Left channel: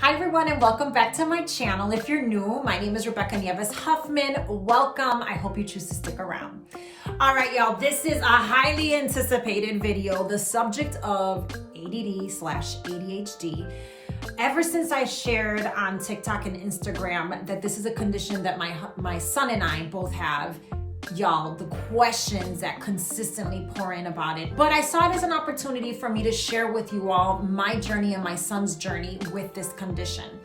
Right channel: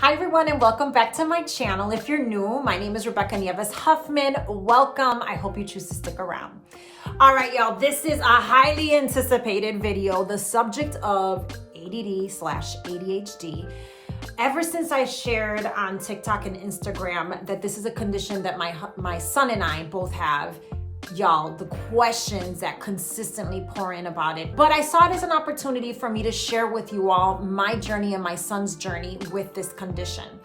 Hi everyone and welcome back to my channel. If you're new, my name is Rebeca Huffman. Welcome. I hope you choose to stick around. All right, y'all, this is a highly anticipated video, the subject of ADD/ADHD. Ever since I shared on TikTok and Instagram that this is a condition that my son and I both have, y'all, the questions that consistently pour in about it. But I saw it as an opportunity for me to share with you all my journey and my son's journey with this condition.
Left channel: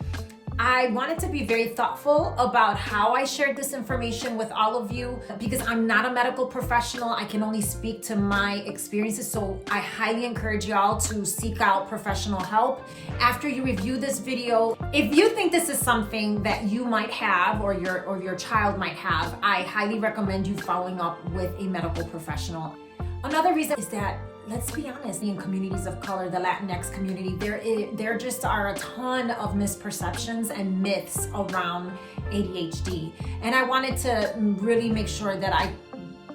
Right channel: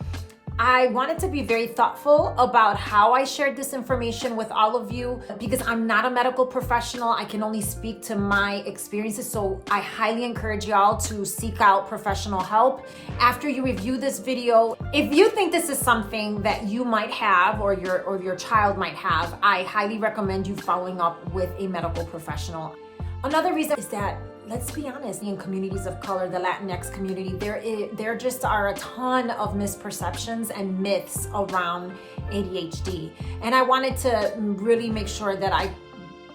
I wanted to be very thoughtful about how I shared this information with all of you because I'm not a medical professional. I can only speak to my experiences. So I highly encourage y'all to seek out professional help. After you review this video, if you think this is something that you might have or your child might have, I highly recommend you following up with a medical professional. Another reason is that, let's be honest, in communities of color, the Latinx community, there just are a ton of misperceptions and myths around ADHD. And I wanted to really make sure that I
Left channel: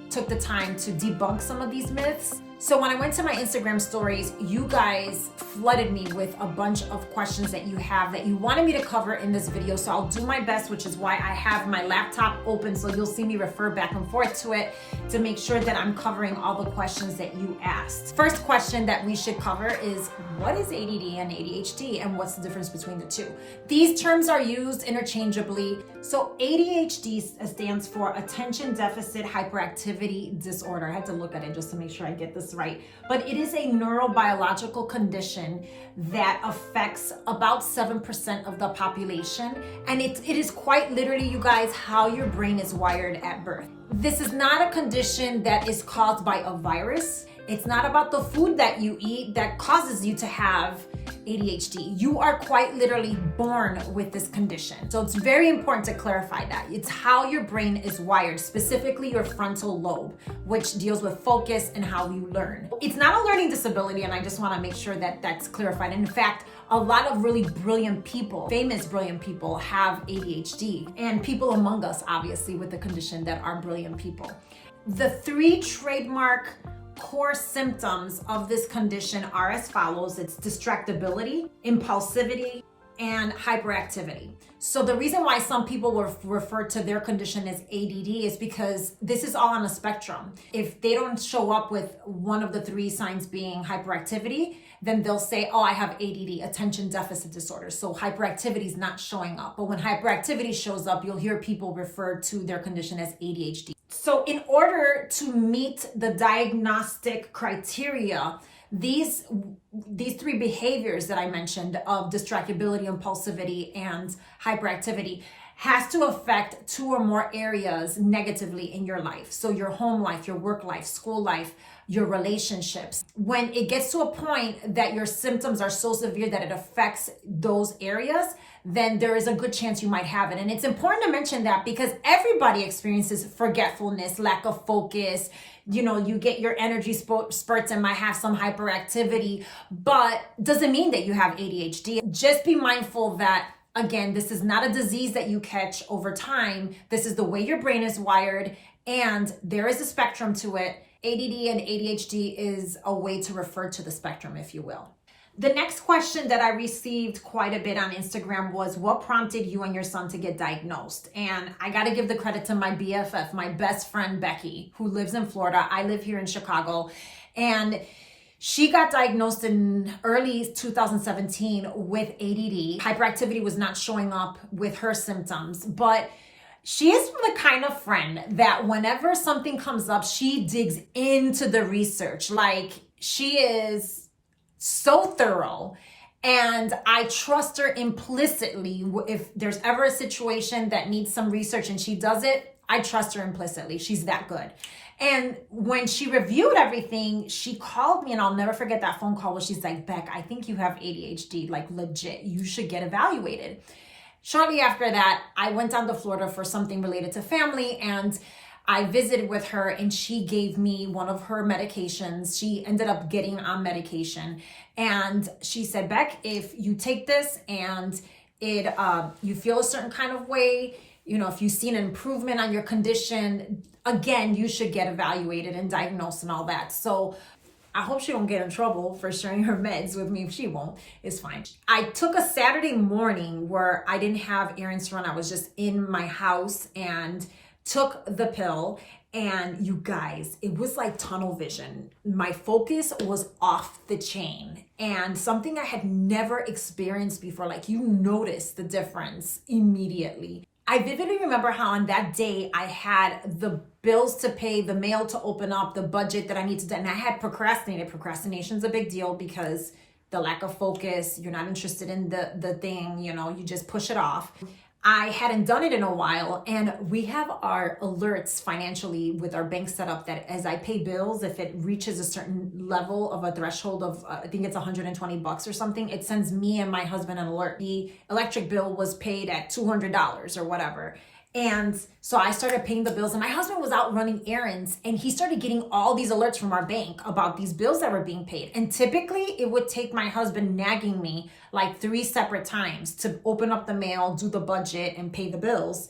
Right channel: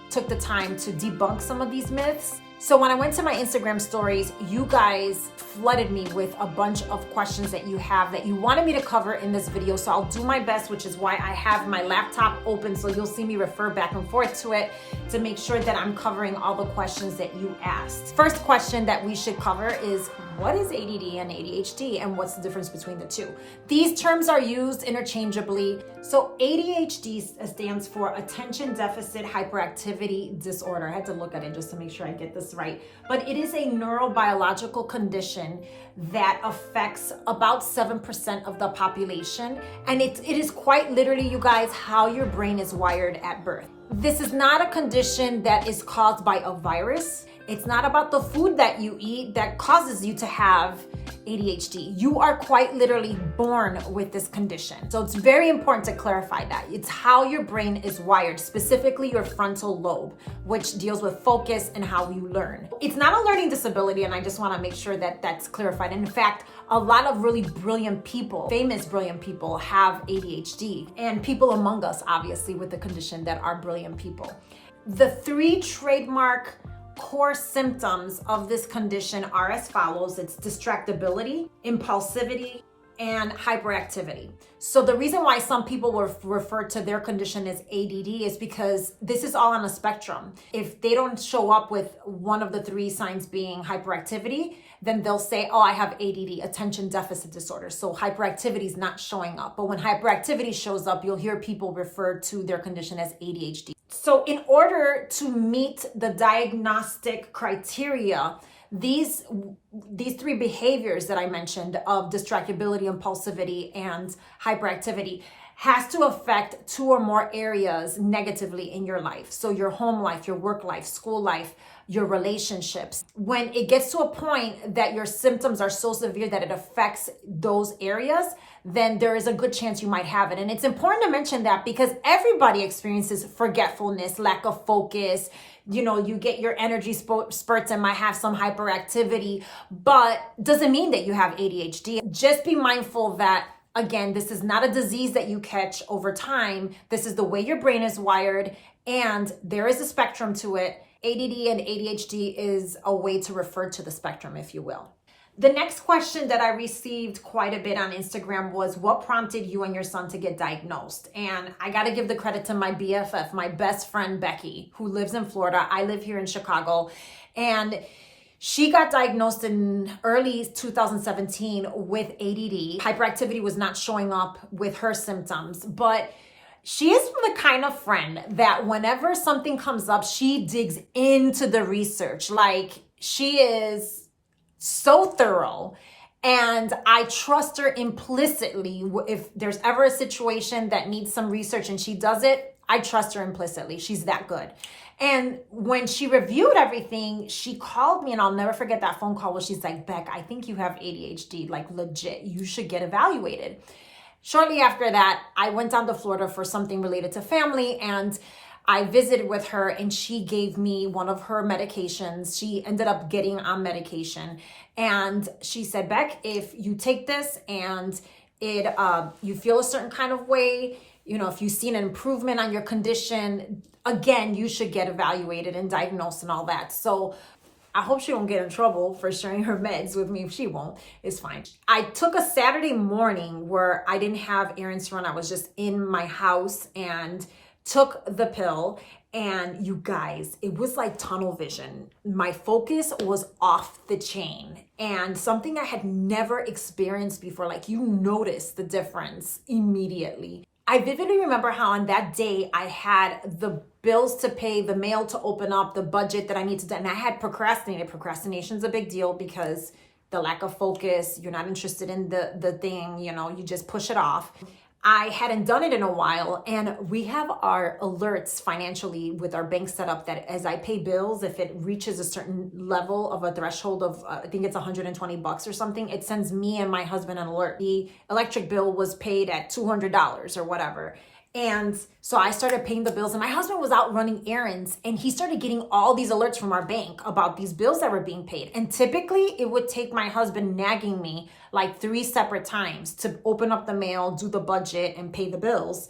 took the time to debunk some of these myths. So when I went to my Instagram stories, you guys flooded me with a bunch of questions that you have that you wanted me to cover in this video. So I'll do my best, which is why I have my laptop open. So you'll see me refer back and forth to it to make sure that I'm covering all the questions that you asked. First question that we should cover is, what is ADD and ADHD and what's the difference between the two? These terms are used interchangeably. So ADHD stands for Attention Deficit Hyperactivity Disorder. I had to look at it just to make sure I get this right. But it is a neurobiological condition that affects about 7% of the population. And it is quite literally, you guys, how your brain is wired at birth. This is not a condition that is caused by a virus. It's not about the food that you eat that causes you to have ADHD. You are quite literally born with this condition. So it's very important to clarify that. It's how your brain is wired, specifically your frontal lobe, which deals with focus and how you learn. It's not a learning disability, and I just want to make sure that that's clarified. And in fact, a lot of really brilliant people, famous brilliant people, have ADHD, and people among us, obviously, with the condition that are brilliant people. The three trademark core symptoms of this condition are as follows. It's distractibility, impulsivity, and hyperactivity. So the reason why some people will refer to their condition as ADD is because this is all on a spectrum. If they don't show up with one of the three signs being hyperactivity, then they'll say, oh, I have ADD, attention deficit disorder. So hyperactivity is not showing up. But when hyperactivity shows up, you'll hear people refer to their condition as ADHD. So in order to meet the diagnostic criteria, these three behaviors that I mentioned of distractibility, impulsivity, and hyperactivity has to affect two or more areas negatively in your life. So your home life, your work life, school life, your relationships. When it gets to a point that your symptoms are so severe that it affects those areas, then there is a good chance you might have it. And it's important to mention that because everybody experiences forgetfulness, lack of focus. You know, you get your energy spurts and might have some hyperactivity, but doesn't mean that you have ADHD. Just be mindful that, again, this is not a disease that you catch over time. This is the way your brain is wired, and there is a spectrum to it. ADD and ADHD is a way to refer to the spectrum, if you will. The next question that I received quite a bit on Instagram was, what prompted you and your son to get diagnosed? And I got to give the credit to my BFF, my best friend, Becky, who lives in Florida. I live here in Chicago. And she got diagnosed in early 2017 with ADD. Hyperactivity was not showing up with her symptoms, but she is the kind of friend that whenever something comes up, she digs into the research. Like, she is so thorough, and I trust her implicitly. If there's ever a situation that needs some research and she does it, I trust her implicitly. She's that good. And when she reviewed everything, she called me, and I'll never forget that phone call where she's like, Beck, I think you have ADHD, like legit, you should get evaluated. Shortly after that, I went down to Florida for something related to family, and I visited with her, and she gave me one of her medications. She ended up getting on medication, and she said, Beck, if you take this and you feel a certain kind of way, you know, if you've seen an improvement on your condition, again, you should get evaluated and diagnosed and all that. So I hope she won't get in trouble for sharing her meds with me. If she won't, it's fine. I took a Saturday morning where I didn't have errands to run. I was just in my house and took the pill. And you guys, it was like tunnel vision. My focus was off the chain, and something I had never experienced before. Like, you notice the difference immediately. I vividly remember how on that day I had the bills to pay, the mail to open up, the budget that I need to do, and I had procrastinated. Procrastination's a big deal because the lack of focus, you're not interested in the thing, you just push it off. I hadn't done it in a while, and we have our alerts financially with our bank set up that as I pay bills, if it reaches a certain level of a threshold of, I think it's $120 or something, it sends me and my husband an alert. The electric bill was paid at $200 or whatever. And so I started paying the bills, and my husband was out running errands, and he started getting all these alerts from our bank about these bills that were being paid. And typically it would take my husband nagging me like 3 separate times to open up the mail, do the budget, and pay the bills.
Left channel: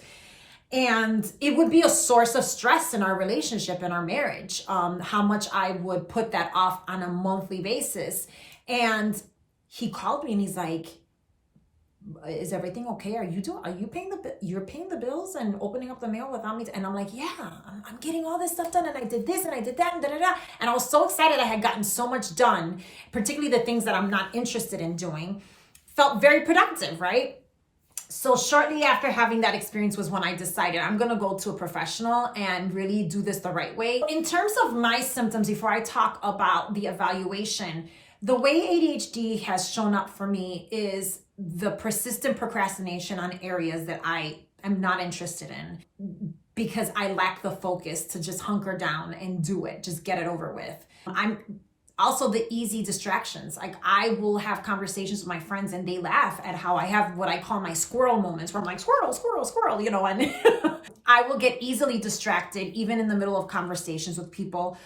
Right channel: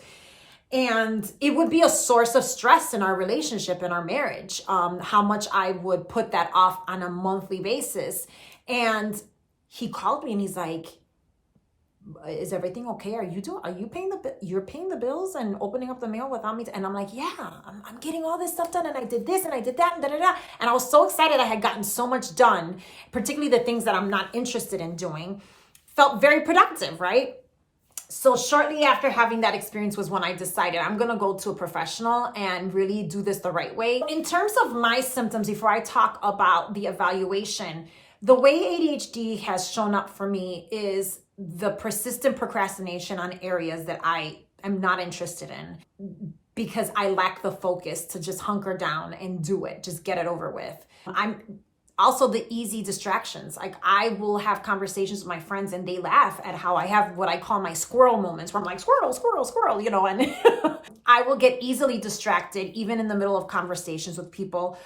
And it would be a source of stress in our relationship, in our marriage, how much I would put that off on a monthly basis. And he called me and he's like, is everything okay? You're paying the bills and opening up the mail without me? And I'm like, yeah, I'm getting all this stuff done, and I did this and I did that and da-da-da. And I was so excited I had gotten so much done, particularly the things that I'm not interested in doing. Felt very productive, right? So shortly after having that experience was when I decided I'm going to go to a professional and really do this the right way. In terms of my symptoms, before I talk about the evaluation, the way ADHD has shown up for me is the persistent procrastination on areas that I am not interested in because I lack the focus to just hunker down and do it, just get it over with. I'm also the easy distractions. Like, I will have conversations with my friends and they laugh at how I have what I call my squirrel moments where I'm like, squirrel, squirrel, squirrel, and I will get easily distracted even in the middle of conversations with people.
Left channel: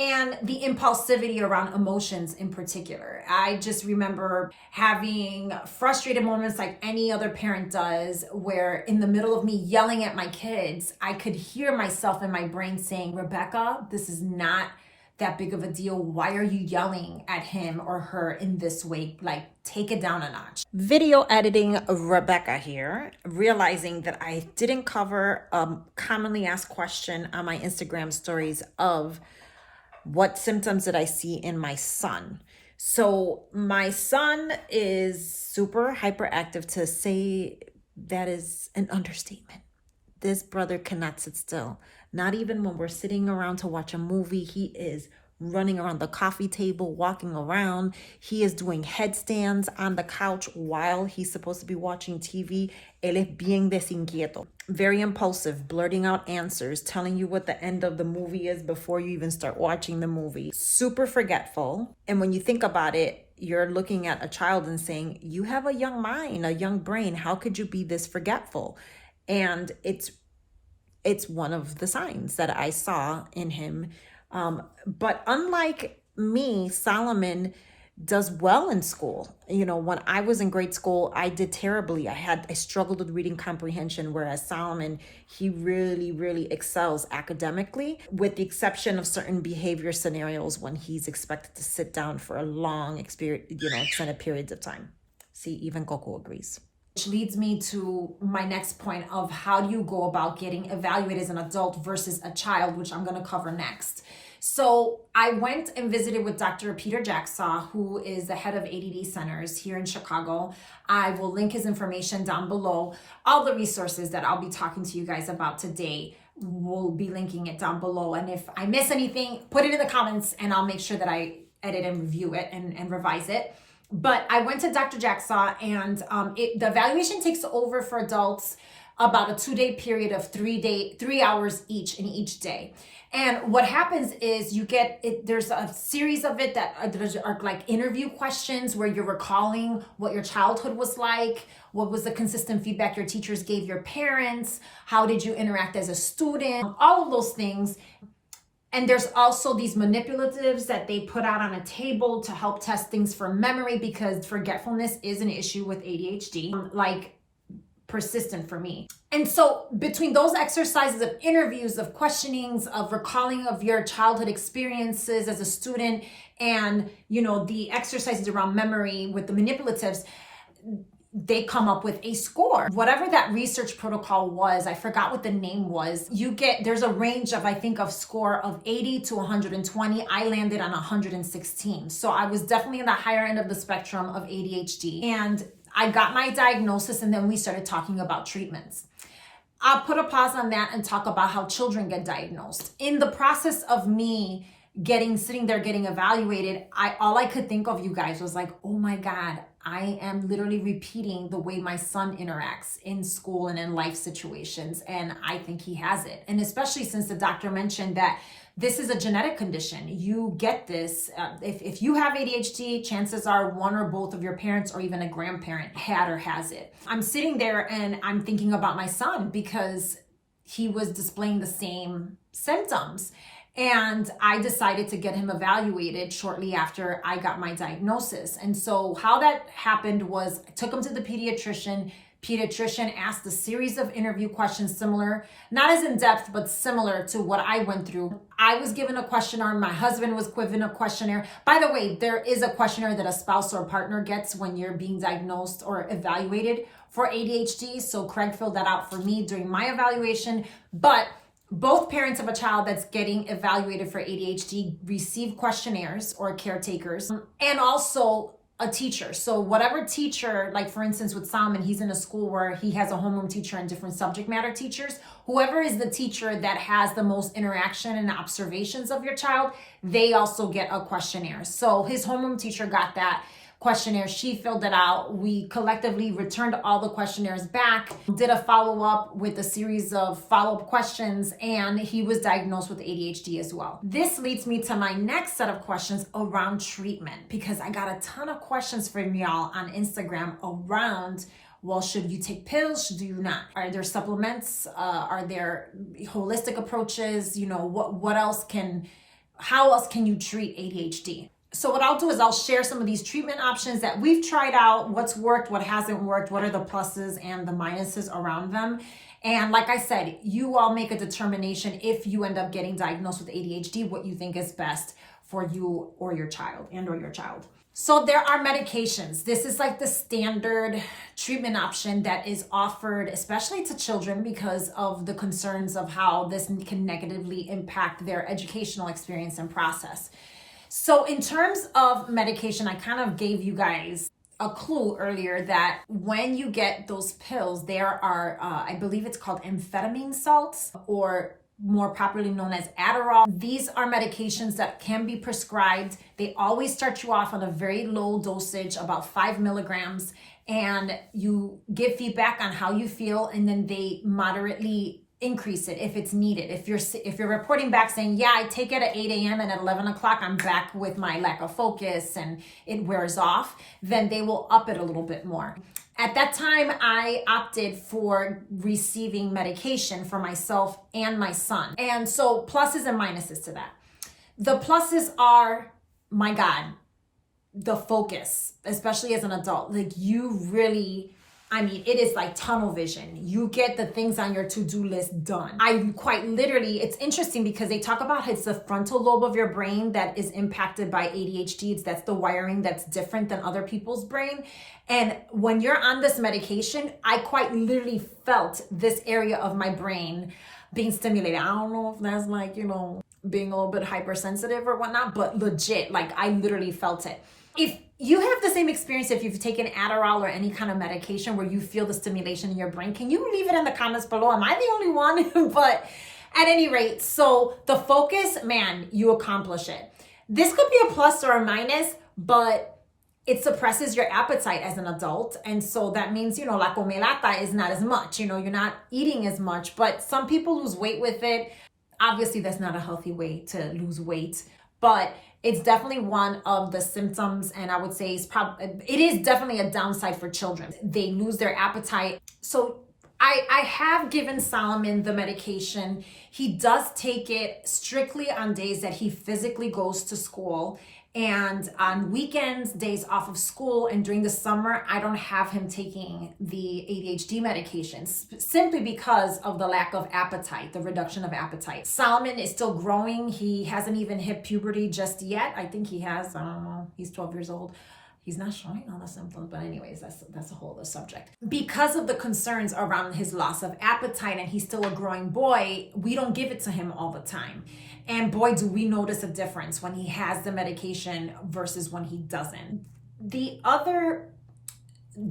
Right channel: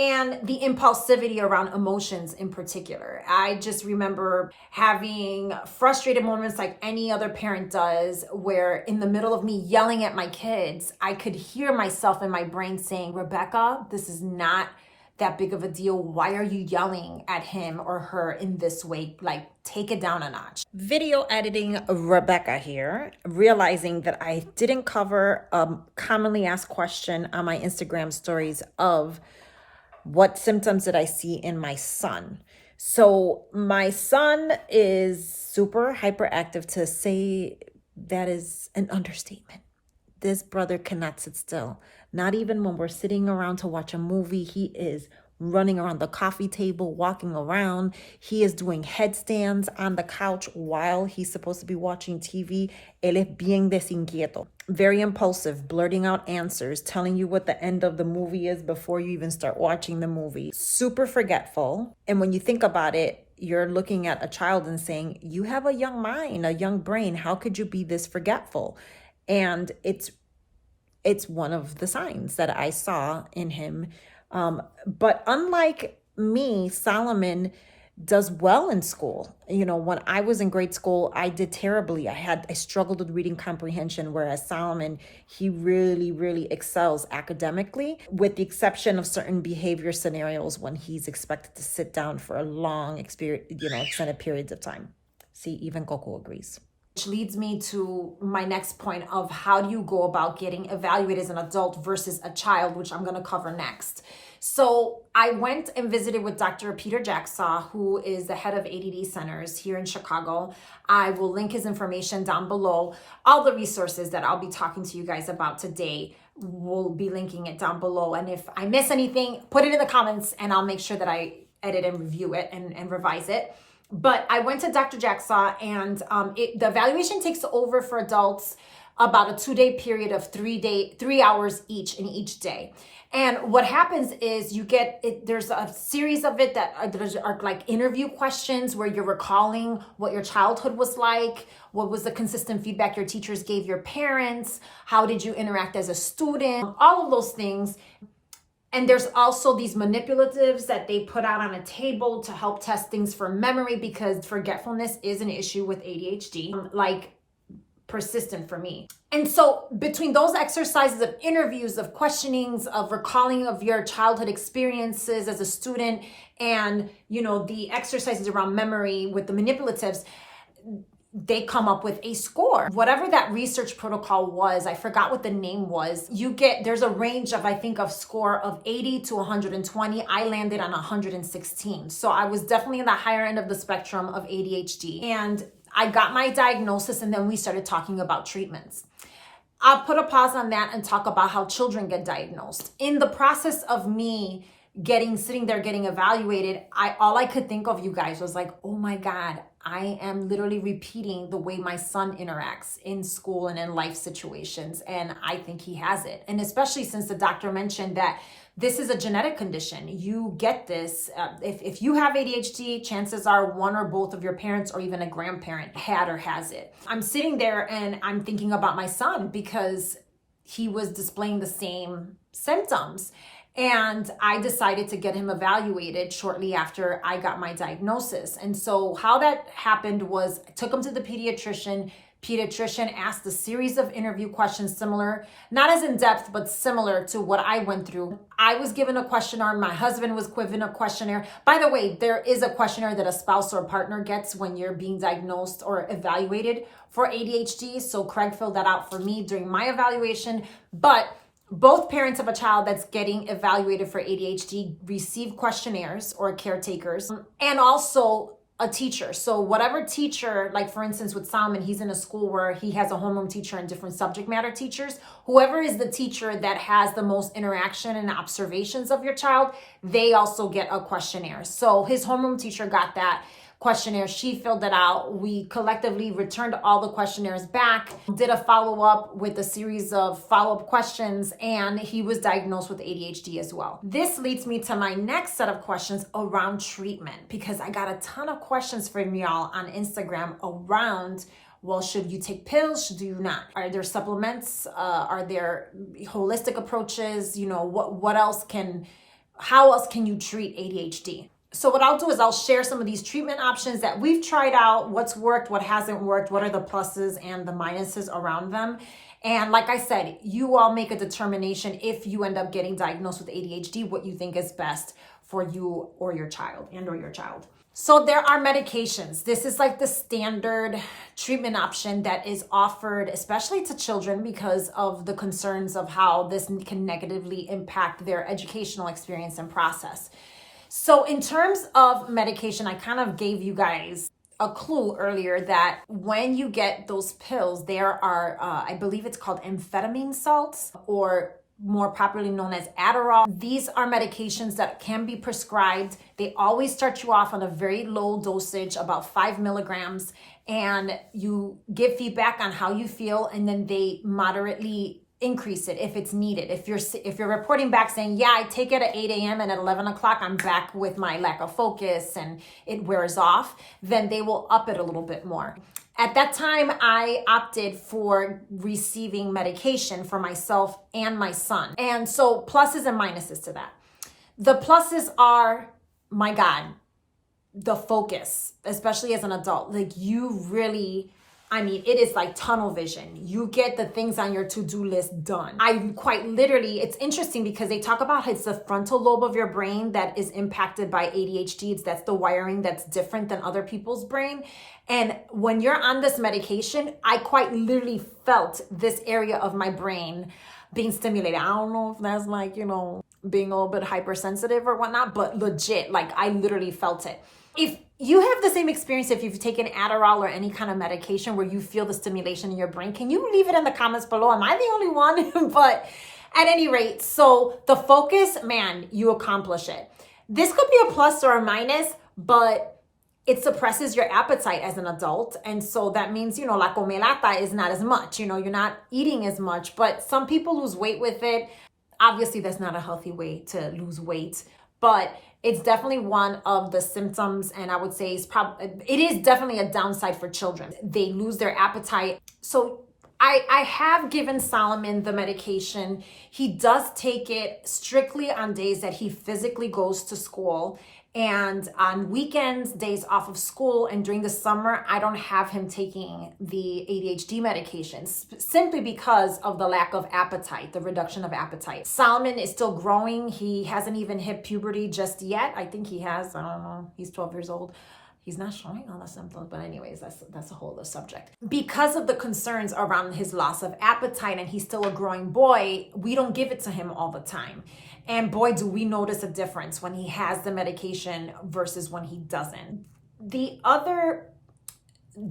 And the impulsivity around emotions in particular. I just remember having frustrated moments like any other parent does, where in the middle of me yelling at my kids, I could hear myself in my brain saying, Rebecca, this is not that big of a deal. Why are you yelling at him or her in this way? Like, take it down a notch. Video editing Rebecca here, realizing that I didn't cover a commonly asked question on my Instagram stories of what symptoms did I see in my son. So my son is super hyperactive. To say that is an understatement. This brother cannot sit still. Not even when we're sitting around to watch a movie, he is running around the coffee table, walking around. He is doing headstands on the couch while he's supposed to be watching TV. Él es bien desinquieto. Very impulsive, blurting out answers, telling you what the end of the movie is before you even start watching the movie. Super forgetful. And when you think about it, you're looking at a child and saying, you have a young mind, a young brain. How could you be this forgetful? And it's one of the signs that I saw in him. But unlike me, Solomon does well in school. When I was in grade school, I did terribly. I struggled with reading comprehension, whereas Solomon, he really, really excels academically, with the exception of certain behavior scenarios when he's expected to sit down for a long extended periods of time. See, even Coco agrees. Which leads me to my next point of how do you go about getting evaluated as an adult versus a child, which I'm going to cover next. So I went and visited with Dr. Peter Jacksaw, who is the head of ADD centers here in Chicago. I will link his information down below. All the resources that I'll be talking to you guys about today, we'll be linking it down below. And if I miss anything, put it in the comments and I'll make sure that I edit and review it and revise it. But I went to Dr. Jacksaw, and the evaluation takes over for adults about a 2-day period of 3 hours each in each day. And what happens is there's a series of it that are like interview questions where you're recalling what your childhood was like, what was the consistent feedback your teachers gave your parents, how did you interact as a student, all of those things. And there's also these manipulatives that they put out on a table to help test things for memory, because forgetfulness is an issue with ADHD. Like persistent for me. And so between those exercises of interviews, of questionings, of recalling of your childhood experiences as a student, and, you know, the exercises around memory with the manipulatives, they come up with a score. Whatever that research protocol was, I forgot what the name was. There's a range of, I think, of score of 80 to 120. I landed on 116. So I was definitely in the higher end of the spectrum of ADHD. And I got my diagnosis, and then we started talking about treatments. I'll put a pause on that and talk about how children get diagnosed. In the process of me sitting there getting evaluated, all I could think of, you guys, was like, oh my God, I am literally repeating the way my son interacts in school and in life situations. And I think he has it. And especially since the doctor mentioned that this is a genetic condition. You get this. If you have ADHD, chances are one or both of your parents or even a grandparent had or has it. I'm sitting there and I'm thinking about my son because he was displaying the same symptoms. And I decided to get him evaluated shortly after I got my diagnosis. And so how that happened was I took him to the pediatrician. Pediatrician asked a series of interview questions similar, not as in depth, but similar to what I went through. I was given a questionnaire. My husband was given a questionnaire. By the way, there is a questionnaire that a spouse or partner gets when you're being diagnosed or evaluated for ADHD. So Craig filled that out for me during my evaluation. But both parents of a child that's getting evaluated for ADHD receive questionnaires or caretakers, and also a teacher. So whatever teacher, like for instance with Solomon, he's in a school where he has a homeroom teacher and different subject matter teachers. Whoever is the teacher that has the most interaction and observations of your child, they also get a questionnaire. So his homeroom teacher got that questionnaire. She filled it out. We collectively returned all the questionnaires back, did a follow-up with a series of follow-up questions, and he was diagnosed with ADHD as well. This leads me to my next set of questions around treatment, because I got a ton of questions from y'all on Instagram around, well, should you take pills? Should you not? Are there supplements? Are there holistic approaches? You know, how else can you treat ADHD? So what I'll do is I'll share some of these treatment options that we've tried out, what's worked, what hasn't worked, what are the pluses and the minuses around them. And like I said, you all make a determination if you end up getting diagnosed with ADHD, what you think is best for you or your child and or your child. So there are medications. This is like the standard treatment option that is offered, especially to children, because of the concerns of how this can negatively impact their educational experience and process. So in terms of medication, I kind of gave you guys a clue earlier that when you get those pills, there are, I believe it's called amphetamine salts, or more popularly known as Adderall. These are medications that can be prescribed. They always start you off on a very low dosage, about 5 milligrams, and you give feedback on how you feel, and then they moderately increase it if it's needed. If you're reporting back saying, yeah, I take it at 8 a.m. and at 11 o'clock, I'm back with my lack of focus and it wears off, then they will up it a little bit more. At that time, I opted for receiving medication for myself and my son. And so pluses and minuses to that. The pluses are, my God, the focus, especially as an adult. Like you really, it is like tunnel vision. You get the things on your to-do list done. It's interesting because they talk about it's the frontal lobe of your brain that is impacted by ADHD. That's the wiring that's different than other people's brain. And when you're on this medication, I quite literally felt this area of my brain being stimulated. I don't know if that's like, being a little bit hypersensitive or whatnot, but legit, like I literally felt it. If you have the same experience, if you've taken Adderall or any kind of medication where you feel the stimulation in your brain, can you leave it in the comments below? Am I the only one? But at any rate, so the focus, man, you accomplish it. This could be a plus or a minus, but it suppresses your appetite as an adult. And so that means, la comelata is not as much, you're not eating as much, but some people lose weight with it. Obviously, that's not a healthy way to lose weight, but it's definitely one of the symptoms, and I would say it is definitely a downside for children. They lose their appetite. So I have given Solomon the medication. He does take it strictly on days that he physically goes to school, And on weekends, days off of school, and during the summer, I don't have him taking the ADHD medications simply because of the lack of appetite, the reduction of appetite. Solomon is still growing. He hasn't even hit puberty just yet. I think he has, I don't know, he's 12 years old. He's not showing all the symptoms, but anyways, that's a whole other subject. Because of the concerns around his loss of appetite and he's still a growing boy, we don't give it to him all the time. And boy, do we notice a difference when he has the medication versus when he doesn't. The other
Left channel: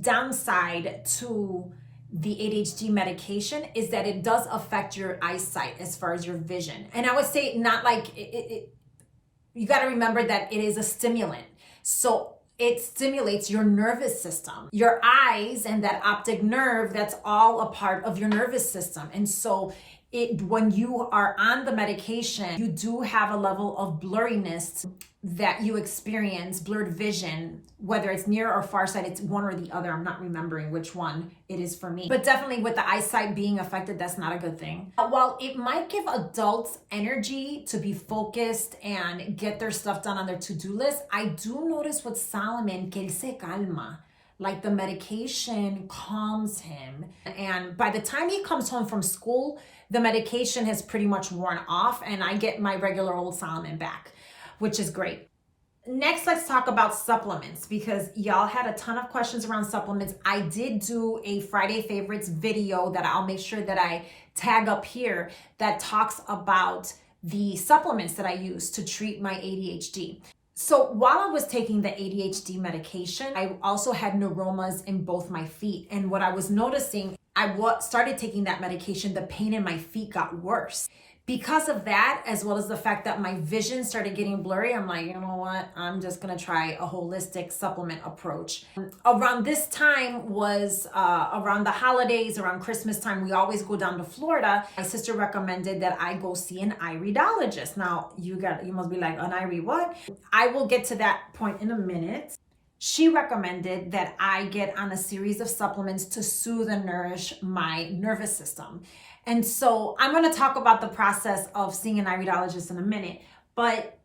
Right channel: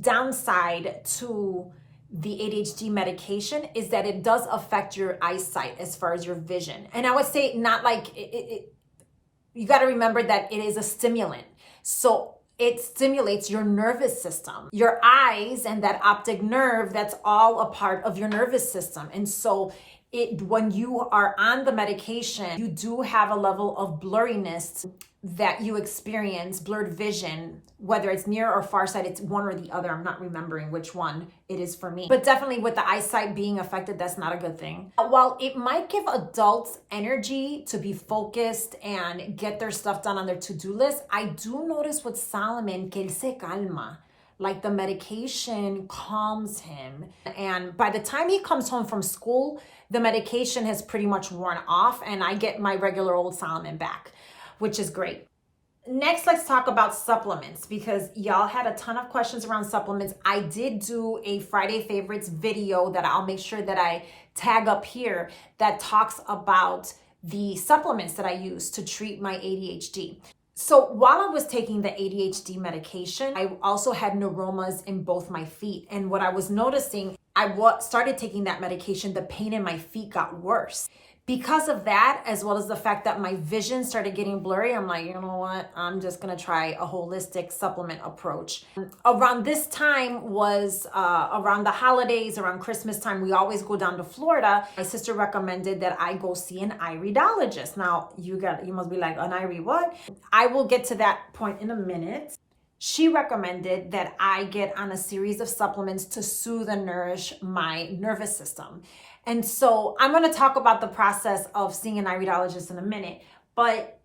downside to the ADHD medication is that it does affect your eyesight as far as your vision. And I would say not like you got to remember that it is a stimulant. So it stimulates your nervous system, your eyes, and that optic nerve, that's all a part of your nervous system. And so when you are on the medication, you do have a level of blurriness that you experience, blurred vision, whether it's near or far sight, it's one or the other. I'm not remembering which one it is for me. But definitely with the eyesight being affected, that's not a good thing. While it might give adults energy to be focused and get their stuff done on their to-do list, I do notice with Solomon que él se calma. Like the medication calms him. And by the time he comes home from school, the medication has pretty much worn off and I get my regular old Solomon back, which is great. Next, let's talk about supplements because y'all had a ton of questions around supplements. I did do a Friday favorites video that I'll make sure that I tag up here that talks about the supplements that I use to treat my ADHD. So while I was taking the ADHD medication, I also had neuromas in both my feet. And what I was noticing, I started taking that medication, the pain in my feet got worse. Because of that, as well as the fact that my vision started getting blurry, I'm like, you know what? I'm just going to try a holistic supplement approach. Around this time was around the holidays, around Christmas time, we always go down to Florida. My sister recommended that I go see an iridologist. Now, you must be like, an Iri what? I will get to that point in a minute. She recommended that I get on a series of supplements to soothe and nourish my nervous system. And so I'm going to talk about the process of seeing an iridologist in a minute, but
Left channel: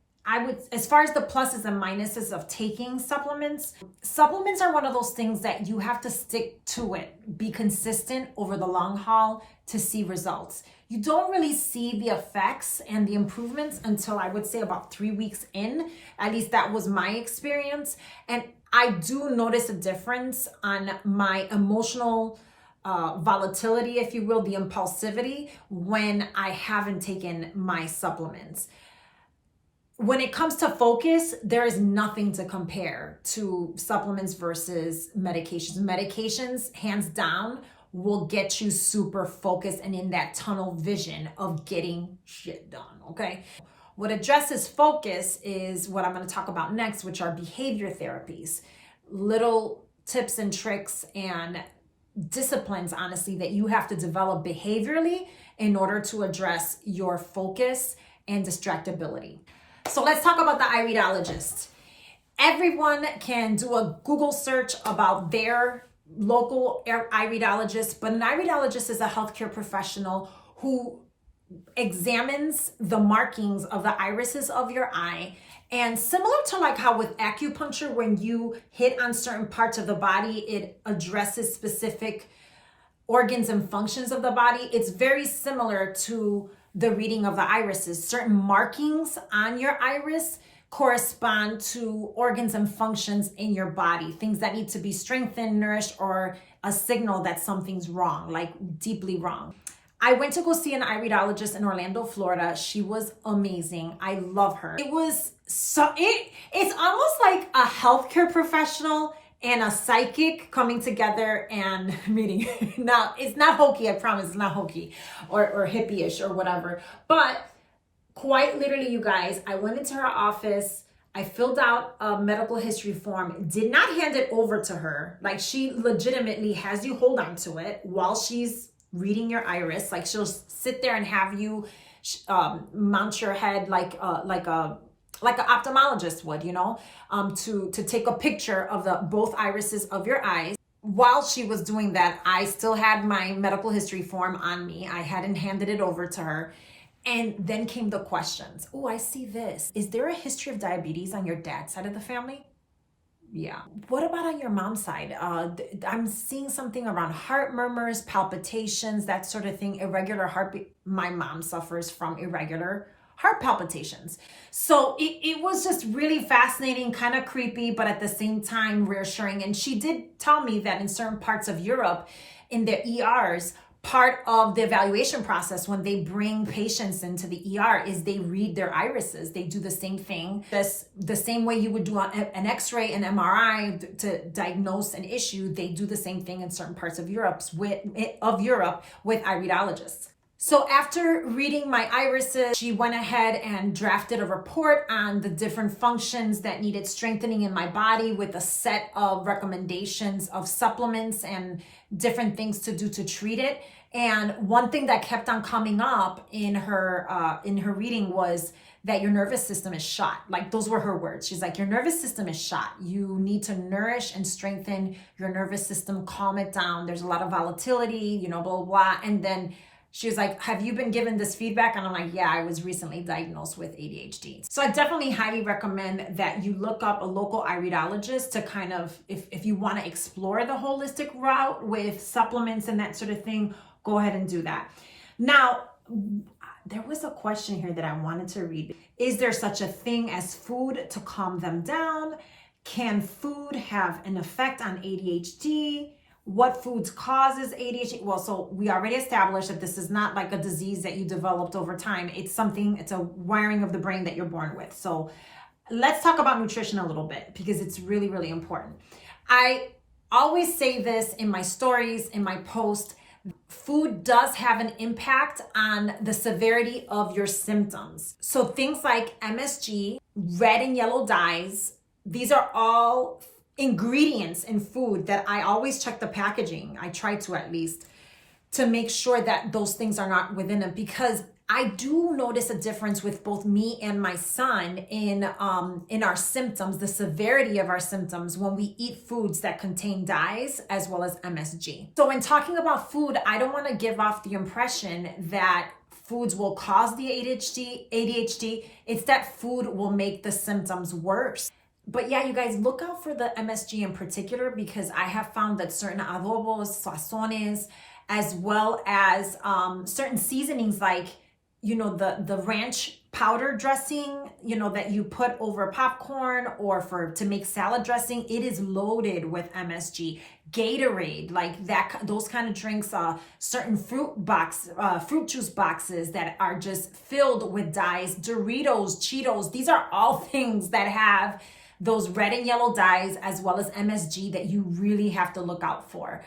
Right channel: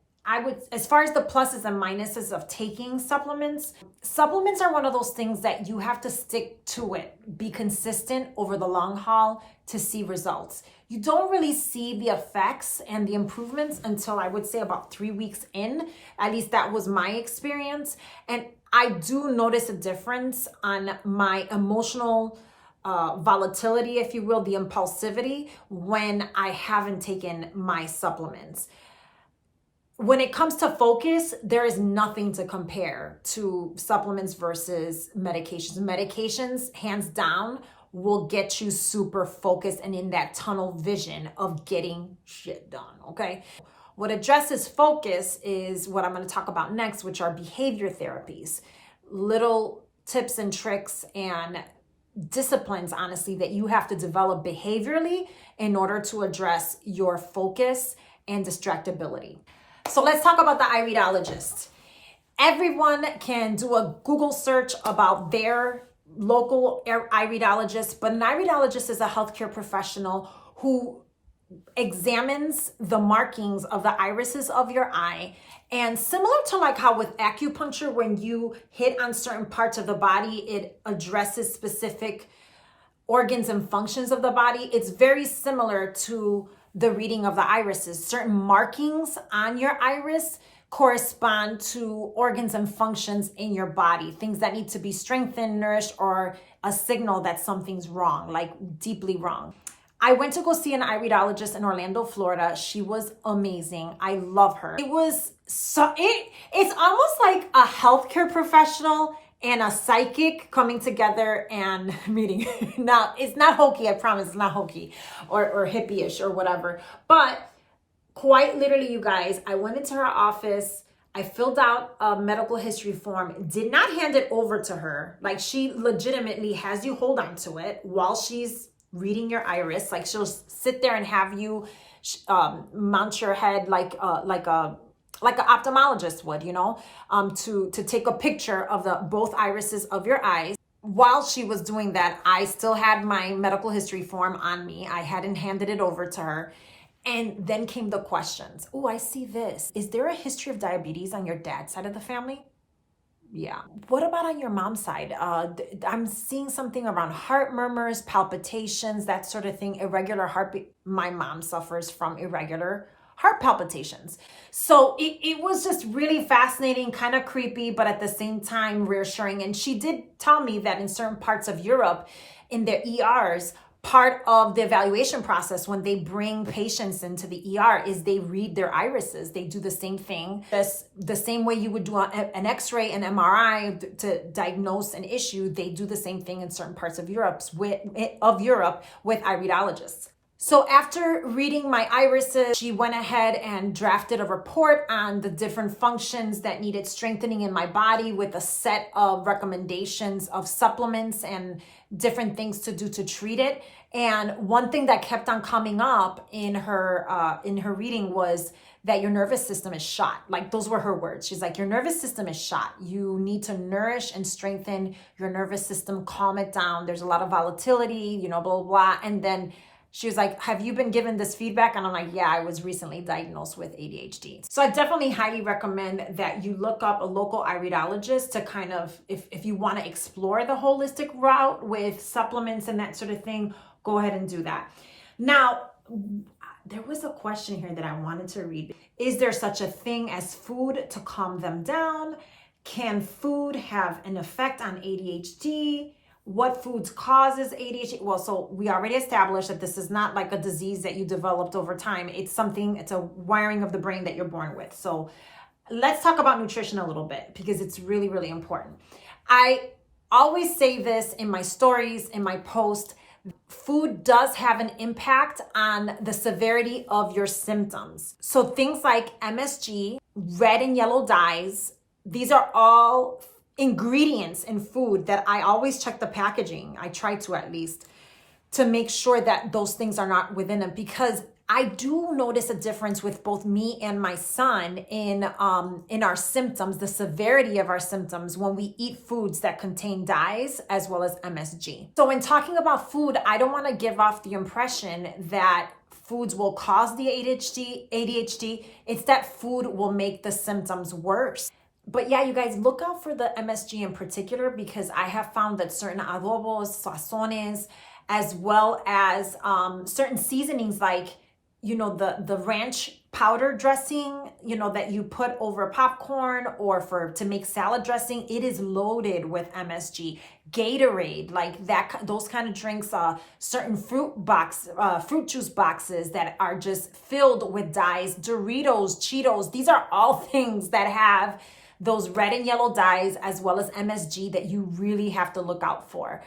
as far as the pluses and minuses of taking supplements are one of those things that you have to stick to it, be consistent over the long haul to see results. You don't really see the effects and the improvements until I would say about 3 weeks in. At least that was my experience. And I do notice a difference on my emotional volatility, if you will, the impulsivity when I haven't taken my supplements. When it comes to focus, there is nothing to compare to supplements versus medications. Medications, hands down, will get you super focused and in that tunnel vision of getting shit done, okay? What addresses focus is what I'm going to talk about next, which are behavior therapies. Little tips and tricks and disciplines, honestly, that you have to develop behaviorally in order to address your focus and distractibility. So let's talk about the iridologist. Everyone can do a Google search about their local iridologist, but an iridologist is a healthcare professional who examines the markings of the irises of your eye. And similar to like how with acupuncture, when you hit on certain parts of the body, it addresses specific organs and functions of the body. It's very similar to the reading of the irises. Certain markings on your iris correspond to organs and functions in your body, things that need to be strengthened, nourished, or a signal that something's wrong, like deeply wrong. I went to go see an iridologist in Orlando, Florida. She was amazing. I love her. It's almost like a healthcare professional and a psychic coming together and meeting. Now, it's not hokey, I promise, it's not hokey or hippie-ish or whatever. But quite literally, you guys, I went into her office. I filled out a medical history form, did not hand it over to her. Like, she legitimately has you hold on to it while she's reading your iris. Like, she'll sit there and have you mount your head like an ophthalmologist would, you know, to take a picture of both irises of your eyes. While she was doing that, I still had my medical history form on me. I hadn't handed it over to her. And then came the questions. Oh, I see this. Is there a history of diabetes on your dad's side of the family? Yeah. What about on your mom's side? I'm seeing something around heart murmurs, palpitations, that sort of thing, irregular heartbeat. My mom suffers from irregular heart palpitations. So it was just really fascinating, kind of creepy, but at the same time reassuring. And she did tell me that in certain parts of Europe, in their ERs, part of the evaluation process when they bring patients into the ER is they read their irises. They do the same thing, the same way you would do an X-ray and MRI to diagnose an issue. They do the same thing in certain parts of Europe with iridologists. So after reading my irises, she went ahead and drafted a report on the different functions that needed strengthening in my body with a set of recommendations of supplements and different things to do to treat it. And one thing that kept on coming up in her reading was that your nervous system is shot. Like, those were her words. She's like, your nervous system is shot. You need to nourish and strengthen your nervous system, calm it down. There's a lot of volatility, blah, blah, blah. And then she was like, have you been given this feedback? And I'm like, yeah, I was recently diagnosed with ADHD. So I definitely highly recommend that you look up a local iridologist to kind of, if you want to explore the holistic route with supplements and that sort of thing, go ahead and do that. Now, there was a question here that I wanted to read. Is there such a thing as food to calm them down? Can food have an effect on ADHD? What foods causes ADHD? Well, so we already established that this is not like a disease that you developed over time. It's a wiring of the brain that you're born with. So let's talk about nutrition a little bit because it's really, really important. I always say this in my stories, in my post. Food does have an impact on the severity of your symptoms. So things like MSG, red and yellow dyes, these are all ingredients in food that I always check the packaging. I try to, at least, to make sure that those things are not within it, because I do notice a difference with both me and my son in our symptoms, the severity of our symptoms when we eat foods that contain dyes as well as MSG. So when talking about food, I don't want to give off the impression that foods will cause the ADHD. It's that food will make the symptoms worse. But yeah, you guys, look out for the MSG in particular, because I have found that certain adobos, sazones, as well as certain seasonings like, the ranch powder dressing, that you put over popcorn or to make salad dressing, it is loaded with MSG. Gatorade, like that, those kind of drinks, certain fruit juice boxes that are just filled with dyes, Doritos, Cheetos, these are all things that have those red and yellow dyes as well as MSG that you really have to look out for.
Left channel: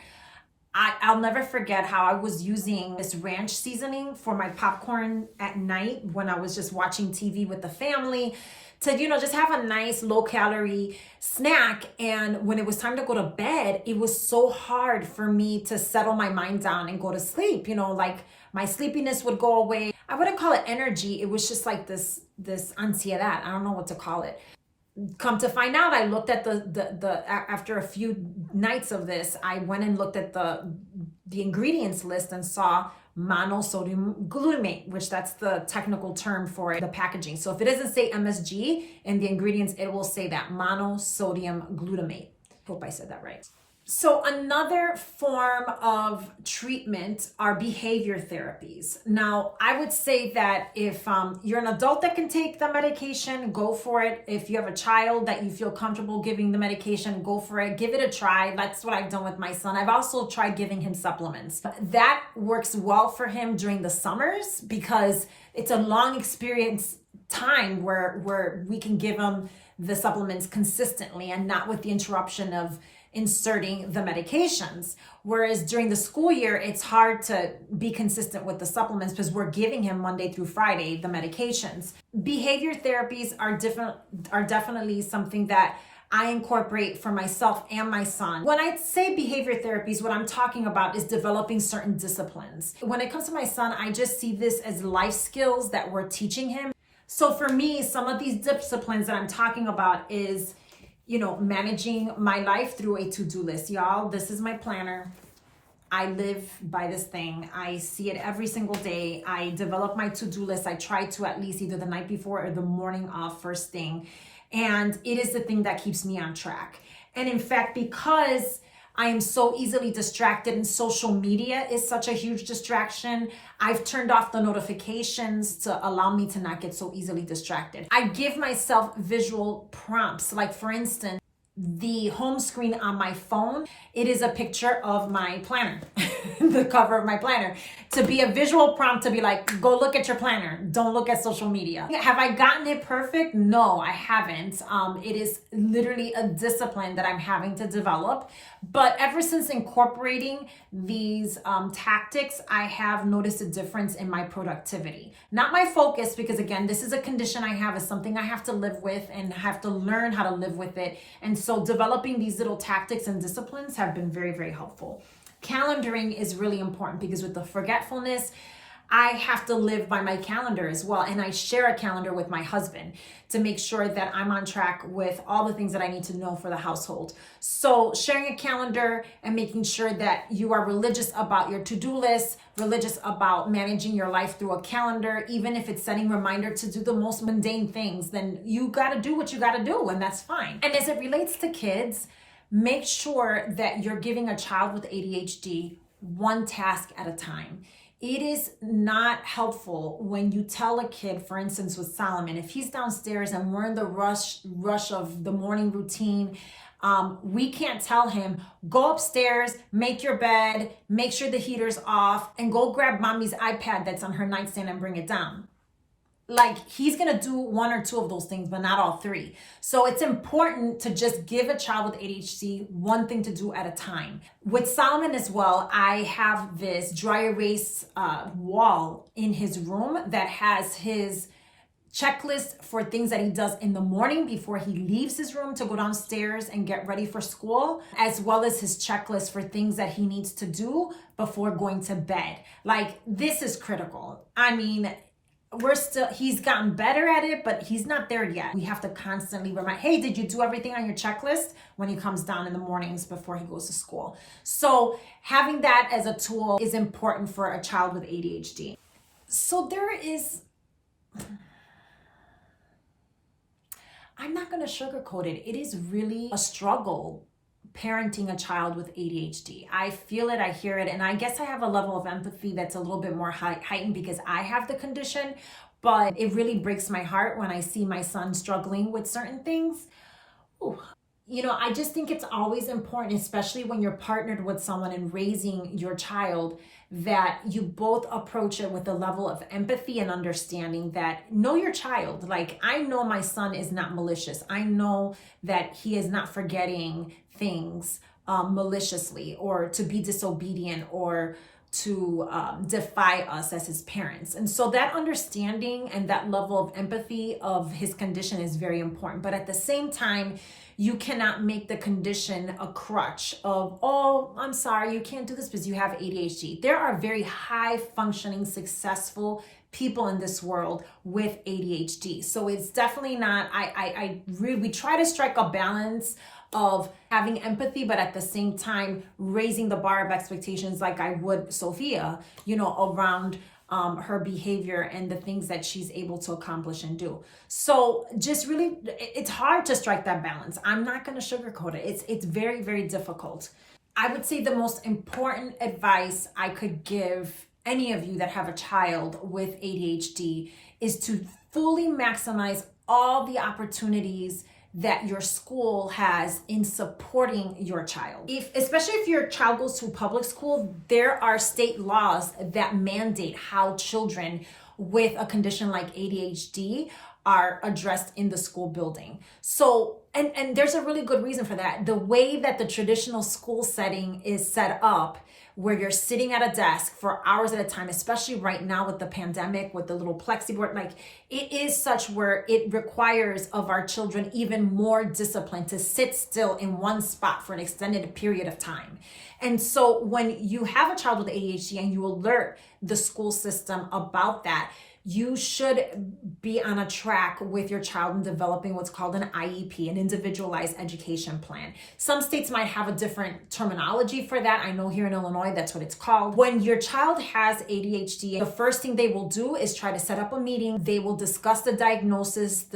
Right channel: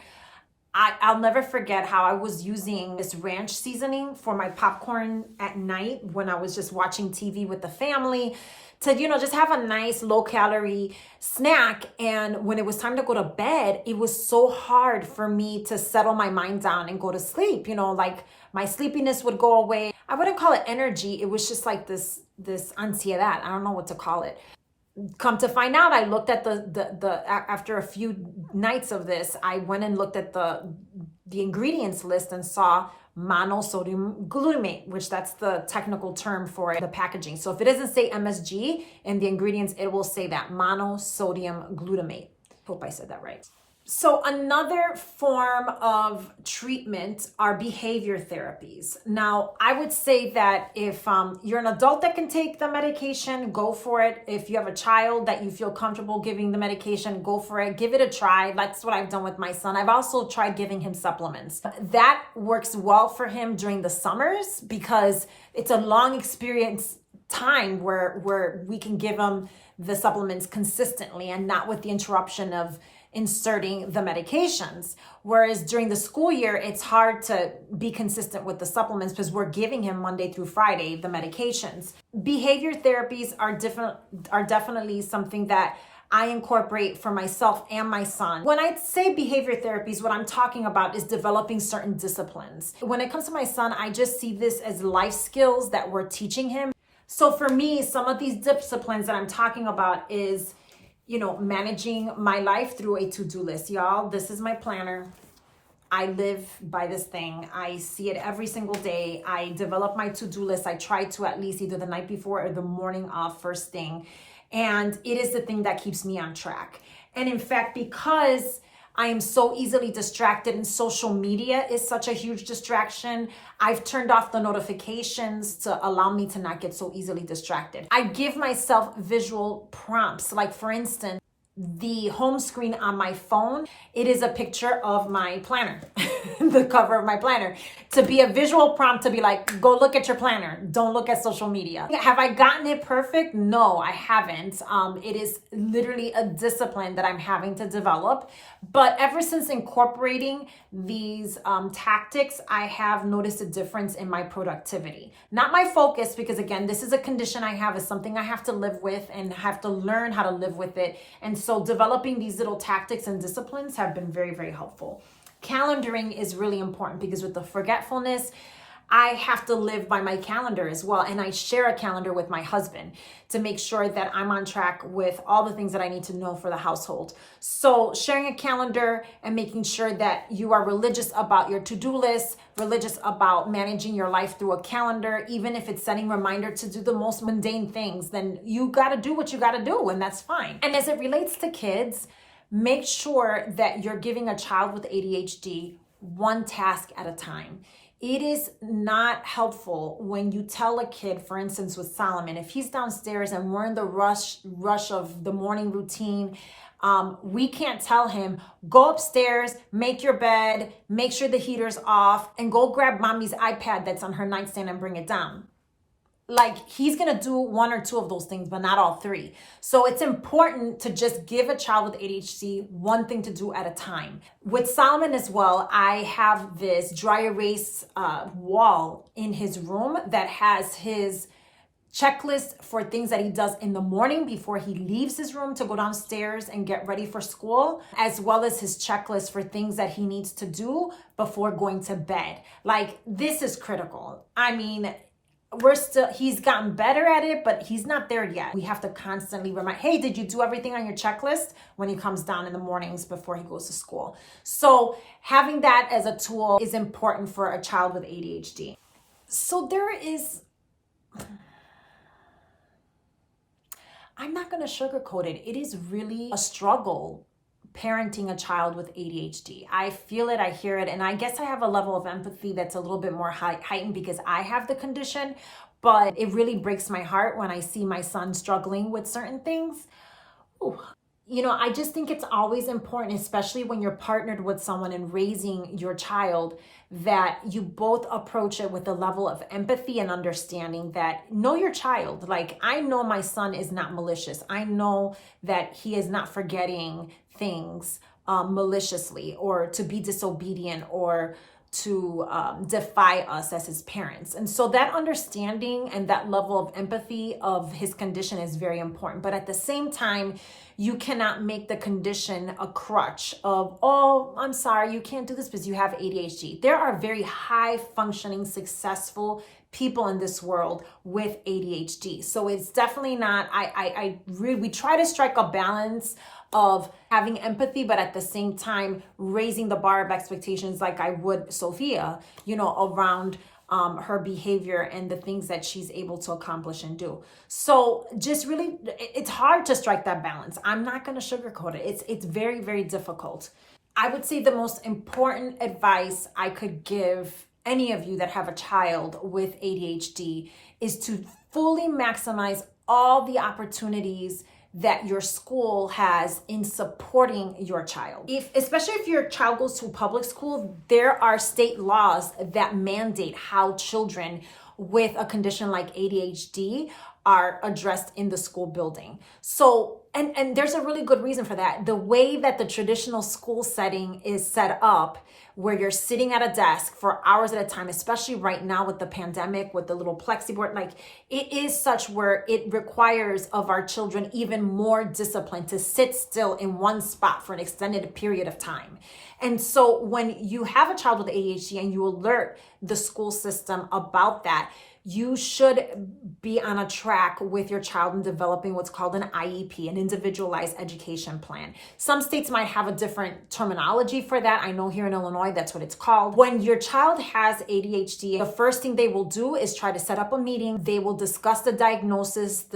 I'll never forget how I was using this ranch seasoning for my popcorn at night when I was just watching TV with the family to, just have a nice low calorie snack. And when it was time to go to bed, it was so hard for me to settle my mind down and go to sleep. Like my sleepiness would go away. I wouldn't call it energy. It was just like this ansiedad. I don't know what to call it. Come to find out, I looked at the after a few nights of this, I went and looked at the ingredients list and saw monosodium glutamate, which that's the technical term for the packaging. So if it doesn't say MSG in the ingredients, it will say that monosodium glutamate. Hope I said that right. So another form of treatment are behavior therapies. Now, I would say that if you're an adult that can take the medication, go for it. If you have a child that you feel comfortable giving the medication, go for it. Give it a try. That's what I've done with my son. I've also tried giving him supplements. That works well for him during the summers because it's a long experience time where we can give him the supplements consistently and not with the interruption of inserting the medications. Whereas during the school year, it's hard to be consistent with the supplements because we're giving him Monday through Friday the medications. Behavior therapies are definitely something that I incorporate for myself and my son. When I say behavior therapies, what I'm talking about is developing certain disciplines. When it comes to my son, I just see this as life skills that we're teaching him. So for me, some of these disciplines that I'm talking about is managing my life through a to-do list. Y'all, this is my planner. I live by this thing. I see it every single day. I develop my to-do list. I try to at least either the night before or the morning of first thing. And it is the thing that keeps me on track. And in fact, because I am so easily distracted and social media is such a huge distraction, I've turned off the notifications to allow me to not get so easily distracted. I give myself visual prompts. Like for instance, the home screen on my phone, it is a picture of my planner, the cover of my planner, to be a visual prompt to be like, go look at your planner. Don't look at social media. Have I gotten it perfect? No, I haven't. It is literally a discipline that I'm having to develop. But ever since incorporating these tactics, I have noticed a difference in my productivity. Not my focus, because again, this is a condition I have, is something I have to live with and have to learn how to live with it. And so developing these little tactics and disciplines have been very, very helpful. Calendaring is really important because with the forgetfulness, I have to live by my calendar as well. And I share a calendar with my husband to make sure that I'm on track with all the things that I need to know for the household. So sharing a calendar and making sure that you are religious about your to-do list, religious about managing your life through a calendar, even if it's setting reminder to do the most mundane things, then you gotta do what you gotta do, and that's fine. And as it relates to kids, make sure that you're giving a child with ADHD one task at a time. It is not helpful when you tell a kid, for instance, with Solomon, if he's downstairs and we're in the rush of the morning routine, we can't tell him, go upstairs, make your bed, make sure the heater's off, and go grab mommy's iPad that's on her nightstand and bring it down. Like, he's gonna do one or two of those things, but not all three. So it's important to just give a child with ADHD one thing to do at a time. With Solomon as well, I have this dry erase wall in his room that has his checklist for things that he does in the morning before he leaves his room to go downstairs and get ready for school, as well as his checklist for things that he needs to do before going to bed. Like, this is critical. I mean, he's gotten better at it, but he's not there yet. We have to constantly remind, hey, did you do everything on your checklist when he comes down in the mornings before he goes to school? So having that as a tool is important for a child with ADHD. So I'm not going to sugarcoat it. It is really a struggle parenting a child with ADHD. I feel it, I hear it, and I guess I have a level of empathy that's a little bit more heightened because I have the condition, but it really breaks my heart when I see my son struggling with certain things. Ooh. You know, I just think it's always important, especially when you're partnered with someone and raising your child, that you both approach it with a level of empathy and understanding that know your child. Like, I know my son is not malicious. I know that he is not forgetting things maliciously or to be disobedient or to defy us as his parents. And so that understanding and that level of empathy of his condition is very important. But at the same time, you cannot make the condition a crutch of, oh, I'm sorry, you can't do this because you have ADHD. There are very high functioning, successful people in this world with ADHD. So it's definitely not, we try to strike a balance of having empathy, but at the same time, raising the bar of expectations like I would Sophia, around her behavior and the things that she's able to accomplish and do. So just really, it's hard to strike that balance. I'm not going to sugarcoat it. It's very, very difficult. I would say the most important advice I could give any of you that have a child with ADHD is to fully maximize all the opportunities that your school has in supporting your child. Especially if your child goes to public school, there are state laws that mandate how children with a condition like ADHD are addressed in the school building. So, and there's a really good reason for that. The way that the traditional school setting is set up, where you're sitting at a desk for hours at a time, especially right now with the pandemic, with the little plexiboard, like it is such where it requires of our children even more discipline to sit still in one spot for an extended period of time. And so when you have a child with ADHD and you alert the school system about that, you should be on a track with your child in developing what's called an IEP, an individualized education plan. Some states might have a different terminology for that. I know here in Illinois, that's what it's called. When your child has ADHD, the first thing they will do is try to set up a meeting. They will discuss the diagnosis,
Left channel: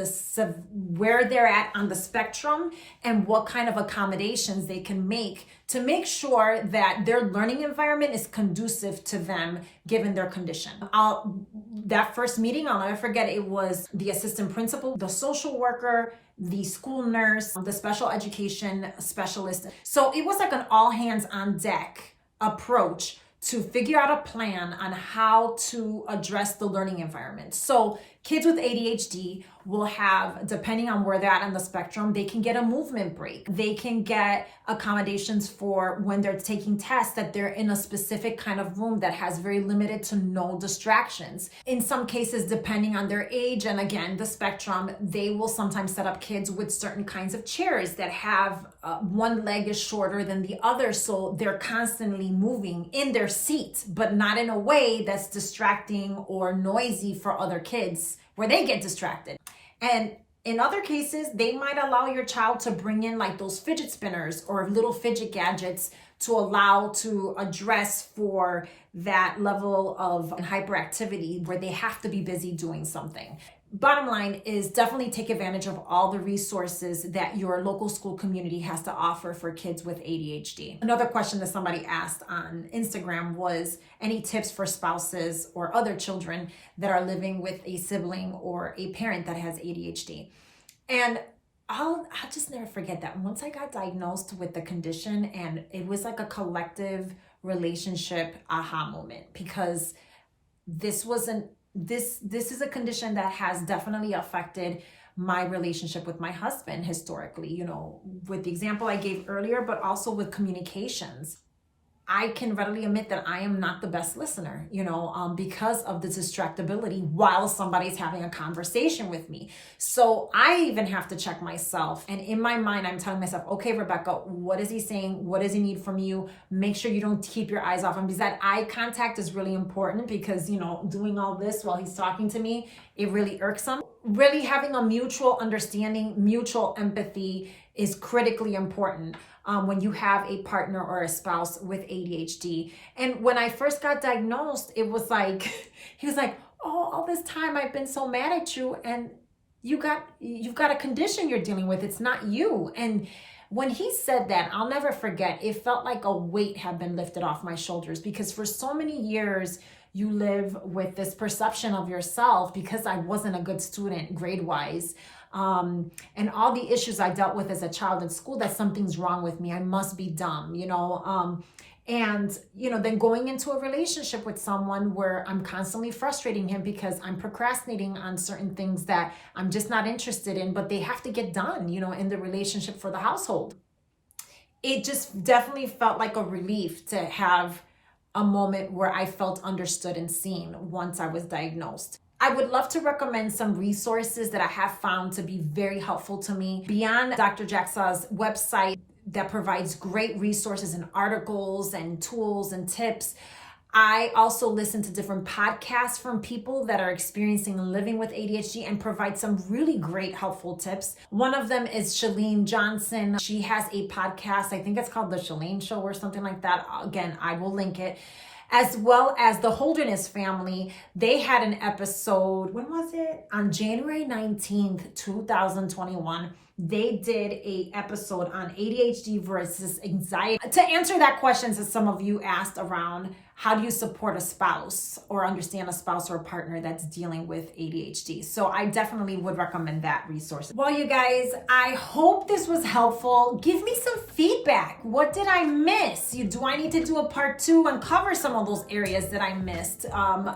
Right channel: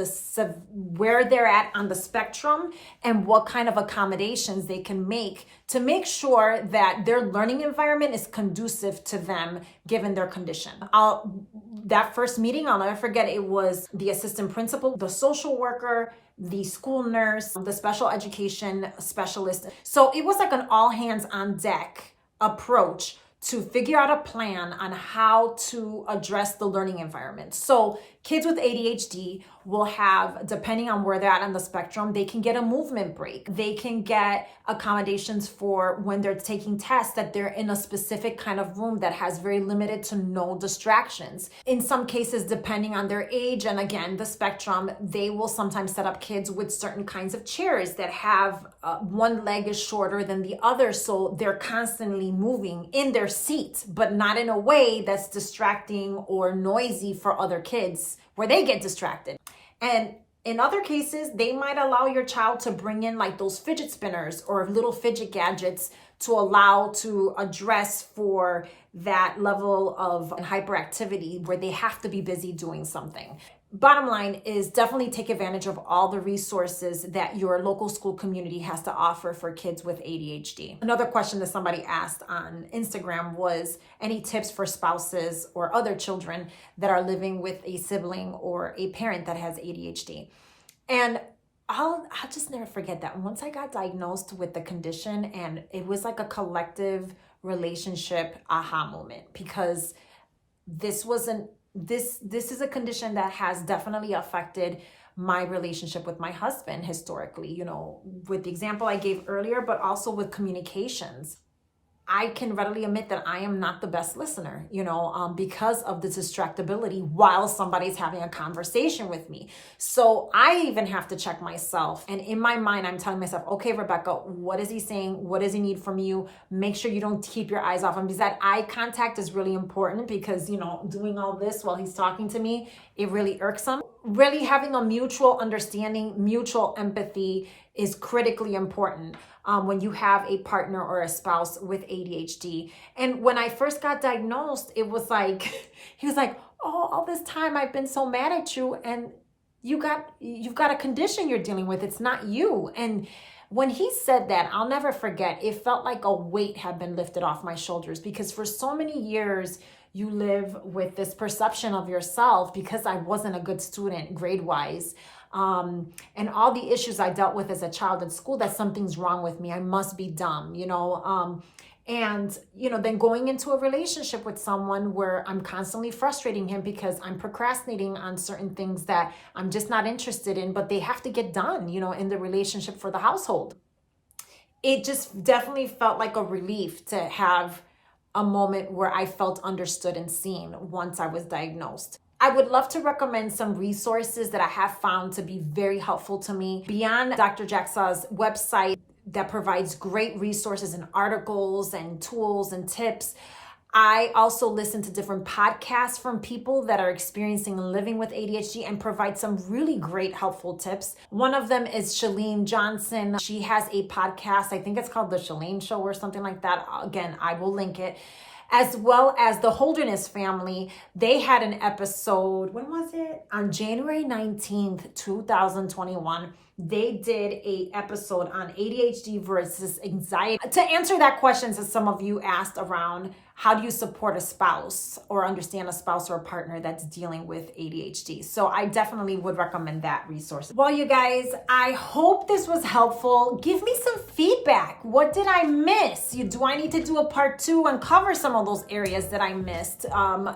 where they're at on the spectrum, and what kind of accommodations they can make to make sure that their learning environment is conducive to them given their condition. That first meeting, I'll never forget, it was the assistant principal, the social worker, the school nurse, the special education specialist. So it was like an all hands on deck approach to figure out a plan on how to address the learning environment. So kids with ADHD will have, depending on where they're at on the spectrum, they can get a movement break. They can get accommodations for when they're taking tests, that they're in a specific kind of room that has very limited to no distractions. In some cases, depending on their age and again, the spectrum, they will sometimes set up kids with certain kinds of chairs that have one leg is shorter than the other. So they're constantly moving in their seat, but not in a way that's distracting or noisy for other kids where they get distracted. And in other cases, they might allow your child to bring in like those fidget spinners or little fidget gadgets to allow to address for that level of hyperactivity where they have to be busy doing something. Bottom line is definitely take advantage of all the resources that your local school community has to offer for kids with ADHD. Another question that somebody asked on Instagram was any tips for spouses or other children that are living with a sibling or a parent that has ADHD. And I'll just never forget that once I got diagnosed with the condition, and it was like a collective relationship aha moment, because this is a condition that has definitely affected my relationship with my husband historically, you know, with the example I gave earlier, but also with communications. I can readily admit that I am not the best listener, you know, because of the distractibility while somebody's having a conversation with me. So I even have to check myself. And in my mind, I'm telling myself, okay, Rebeca, what is he saying? What does he need from you? Make sure you don't keep your eyes off him, because that eye contact is really important, because, you know, doing all this while he's talking to me, it really irks him. Really having a mutual understanding, mutual empathy is critically important when you have a partner or a spouse with ADHD. And when I first got diagnosed, it was like, he was like, oh, all this time I've been so mad at you, and you've got a condition you're dealing with. It's not you. And when he said that, I'll never forget, it felt like a weight had been lifted off my shoulders, because for so many years, you live with this perception of yourself, because I wasn't a good student grade-wise. And all the issues I dealt with as a child in school, that something's wrong with me. I must be dumb, you know, and, you know, then going into a relationship with someone where I'm constantly frustrating him because I'm procrastinating on certain things that I'm just not interested in, but they have to get done, you know, in the relationship for the household. It just definitely felt like a relief to have a moment where I felt understood and seen once I was diagnosed. I would love to recommend some resources that I have found to be very helpful to me beyond Dr. Jacksaw's website that provides great resources and articles and tools and tips. I also listen to different podcasts from people that are experiencing and living with ADHD and provide some really great helpful tips. One of them is Chalene Johnson. She has a podcast, I think it's called The Chalene Show or something like that. Again, I will link it. As well as the Holderness family. They had an episode, when was it? On January 19th, 2021. They did a episode on ADHD versus anxiety. To answer that question, as some of you asked around, how do you support a spouse or understand a spouse or a partner that's dealing with ADHD? So I definitely would recommend that resource. Well, you guys, I hope this was helpful. Give me some feedback. What did I miss? Do I need to do a part 2 and cover some of those areas that I missed?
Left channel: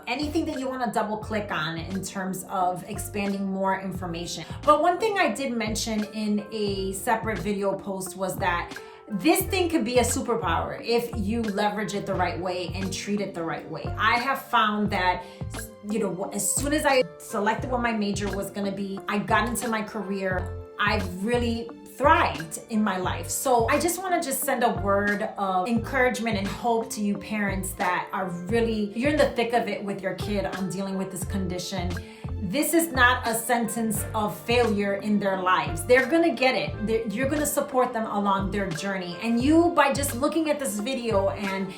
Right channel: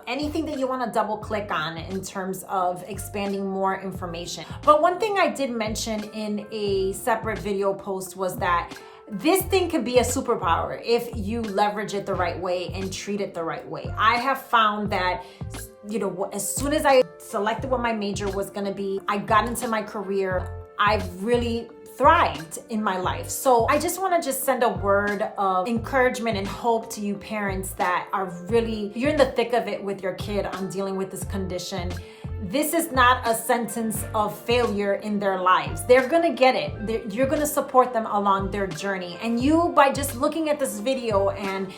Anything that you want to double click on in terms of expanding more information. But one thing I did mention in a separate video post was that this thing could be a superpower if you leverage it the right way and treat it the right way. I have found that, you know, as soon as I selected what my major was going to be, I got into my career, I've really thrived in my life. So I just want to just send a word of encouragement and hope to you parents that are really, you're in the thick of it with your kid on dealing with this condition. This is not a sentence of failure in their lives. They're gonna get it. You're gonna support them along their journey. And you, by just looking at this video and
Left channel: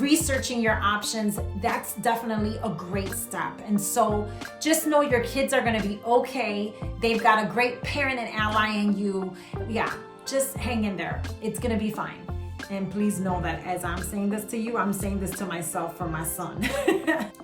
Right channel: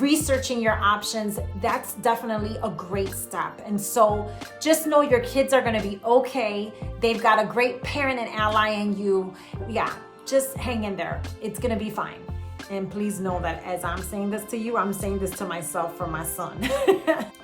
researching your options, that's definitely a great step. And so just know your kids are gonna be okay. They've got a great parent and ally in you. Yeah, just hang in there. It's gonna be fine. And please know that as I'm saying this to you, I'm saying this to myself for my son.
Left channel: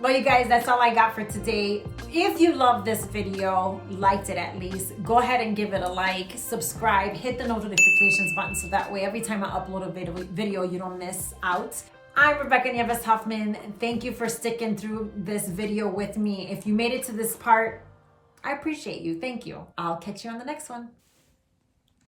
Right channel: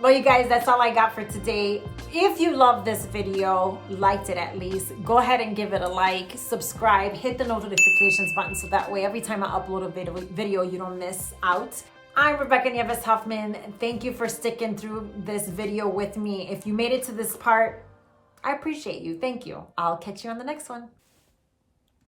Well, you guys, that's all I got for today. If you love this video, liked it at least, go ahead and give it a like, subscribe, hit the notifications button so that way every time I upload a video, you don't miss out. I'm Rebeca Huffman. Thank you for sticking through this video with me. If you made it to this part, I appreciate you. Thank you. I'll catch you on the next one.